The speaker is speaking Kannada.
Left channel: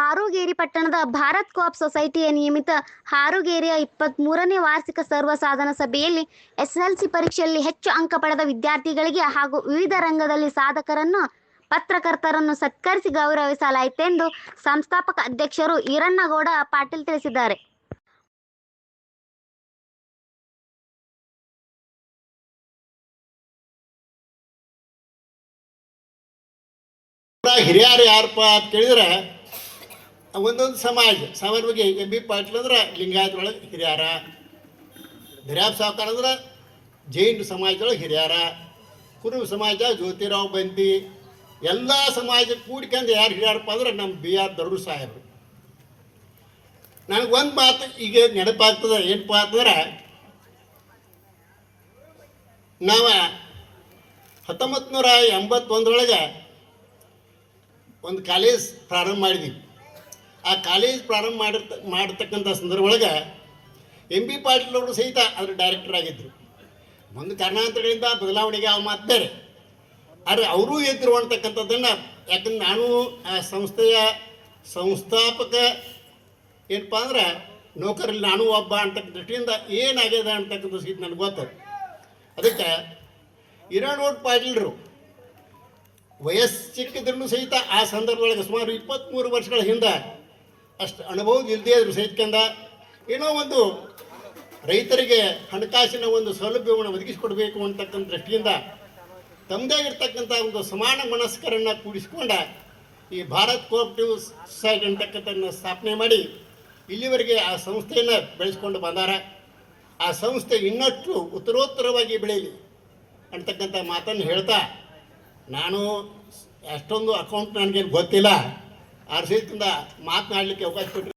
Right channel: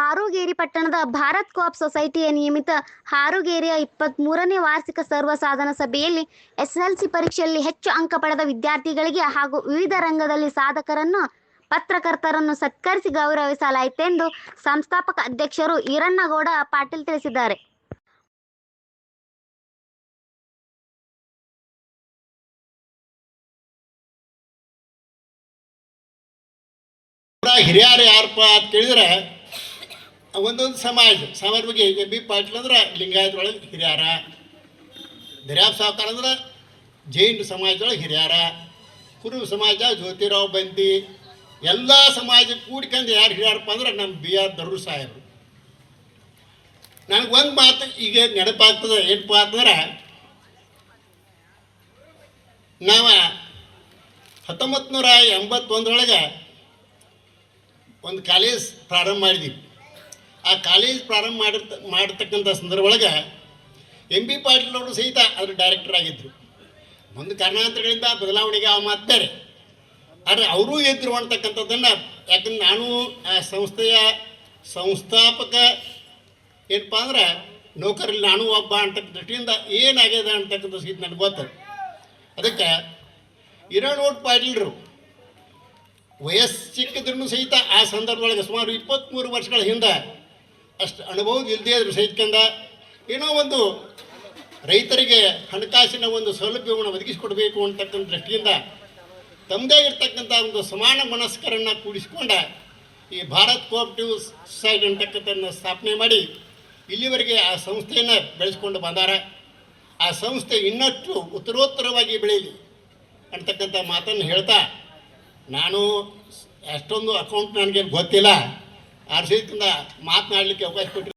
ಹಾರುಗೇರಿ ಪಟ್ಟಣದ ಭಾರತ್ ಕೋಆಪ್ ಸೊಸೈಟಿಯ ನಿಯಮಿತ ಹಾರುಗೇರಿಯ ಇಪ್ಪತ್ತ್ ಮೂರನೇ ವಾರ್ಷಿಕ ಸರ್ವ ಸಾಧನ ಸಭೆಯಲ್ಲಿ ಎಸ್ಎಲ್ಸಿ ಪರೀಕ್ಷೆಯಲ್ಲಿ ಹೆಚ್ಚು ಅಂಕ ಪಡೆದ ವಿದ್ಯಾರ್ಥಿಗಳಿಗೆ ಹಾಗೂ ವಿವಿಧ ರಂಗದಲ್ಲಿ ಸಾಧಕರನ್ನು, ಪತ್ರಕರ್ತರನ್ನು ಸತ್ಕರಿಸಿ ಗೌರವಿಸಲಾಯಿತೆಂದು ಸಂಸ್ಥಾಪಕ ಅಧ್ಯಕ್ಷರು ಈರಣ್ಣಗೌಡ ಪಾಟೀಲ್ ತಿಳಿಸಿದ್ದಾರೆ. ಹಿರಿಯರು ಯಾರಪ್ಪ ಅಂತ ಕೇಳಿದ್ರೆ ಒಂದೊಂದು ಸಮಾಜ ಸಮಾಜ ಬಗ್ಗೆ ಎಂ ಬಿ ಪಾಟೀಲ್ ಅಂದ್ರೆ ಲಿಂಗಾಯತೊಳಗೆ ಹಿರಿಯಾರ ದರ್ಯಾಬ್ ಸಾವ್ಕಾರ ಅಂದ್ರೆ ಜೈನ್ ಸಮಾಜದೊಳಗೆ ಹಿರಿಯಾರ, ಕುರುಬ ಸಮಾಜ ಜ್ಯೋತಿರಾವ್ ಬಂತಿ, ಎಲ್ಲ ಸಮಾಜ ಕೂಡ್ಕೊಂಡು ಯಾರು ಹಿರಿಯಾರಪ್ಪ ಅಂದ್ರೆ ನಮ್ಮ ಬಿ ಆರ್ ದರೂರ್ ಸಾಹೇಬರು. ನನಗೆ ಒಂದು ಮಾತು ಈಗ ನೆನಪಾಗ್ತದೆ, ಏನಪ್ಪ ಅಂದ್ರೆ ನಾವು ಹತ್ತೊಂಬತ್ತು ನೂರ ಎಂಬತ್ತೊಂದರೊಳಗೆ ಒಂದು ಕಾಲೇಜ್ ಪ್ರಾರಂಭ ಮಾಡಿದ್ವಿ. ಆ ಕಾಲೇಜ್ ಪ್ರಾರಂಭ ಮಾಡಿರ್ತ ಮಾಡಿರ್ತಕ್ಕಂಥ ಸಂದರ್ಭ ಒಳಗೆ ಎಂ ಬಿ ಪಾಟೀಲ್ ಅವರು ಸಹಿತ ಅದರ ಡೈರೆಕ್ಟರ್ ಆಗಿದ್ದರು ಒಂದು ಕಾರಣಾಂತರಗಳಿಂದ ಬದಲಾವಣೆಗೆ ಆ ಮಾತು ಬೇರೆ ಆದರೆ ಅವರೂ ಎದ್ರು ಅಂತಕ್ಕಂಥದ್ದನ್ನು ಯಾಕಂದ್ರೆ ನಾನು ಆ ಸಂಸ್ಥೆಯ ಸಂಸ್ಥಾಪಕ ಏನಪ್ಪ ಅಂದ್ರೆ ನೌಕರಲ್ಲಿ ನಾನು ಒಬ್ಬ ಅಂತ ದೃಷ್ಟಿಯಿಂದ ಏನಾಗ್ಯದ ಅಂತಕ್ಕಂಥ ಸಹಿತ ನನಗೆ ಗೊತ್ತದು ಅದಕ್ಕೆ ಇರೋಣ ಪಾಟೀಲ್ರು ವಯಸ್ಸು ಚಿಕ್ಕದ್ರೂ ಸಹಿತ ಆ ಸಂದರ್ಭದೊಳಗೆ ಸುಮಾರು ಇಪ್ಪತ್ತ್ಮೂರು ವರ್ಷಗಳ ಹಿಂದೆ ಅಷ್ಟು ಅನುಭವ ಇಲ್ಲದೇ ಇದ್ರು ಸಹಿತಕಂಡ ಏನೋ ಒಂದು ರೈತರಿಗೆ ಹಣಕಾಸಿನ ಒಂದು ಸೌಲಭ್ಯವನ್ನು ಒದಗಿಸಿಕೊಡಬೇಕು ಅಂತಕ್ಕಂಥ ದೃಷ್ಟಿಯಿಂದ ತಮ್ಮದೇ ಇರತಕ್ಕಂಥ ಒಂದು ಸಮಾನ ಮನಸ್ಕರನ್ನು ಕೂಡಿಸಿಕೊಂಡ ಈ ಭಾರತ್ ಕೋಆಪ್ಟಿವ್ ಸೊಸೈಟಿ ಅಂತಕ್ಕಂಥ ಸ್ಥಾಪನೆ ಮಾಡಿ ಇಲ್ಲಿವರೆಗೆ ಆ ಸಂಸ್ಥೆಯನ್ನು ಬೆಳೆಸ್ಕೊಂಡು ಬಂದಾರ. ಆ ಸಂಸ್ಥೆ ಇನ್ನಷ್ಟು ಉತ್ತರೋತ್ತರವಾಗಿ ಬೆಳೆಯಲಿ ಅಂತಕ್ಕಂಥ ಮಾತನ್ನು ಹೇಳ್ತಾ ನಾನು ಅಷ್ಟೊಂದು ಅಕೌಂಟ್ ನನಗೇನು ಗೊತ್ತಿಲ್ಲ. ಆ ಮಾತನಾಡಲಿಕ್ಕೆ ಅವಕಾಶ ಕೊಟ್ಟರು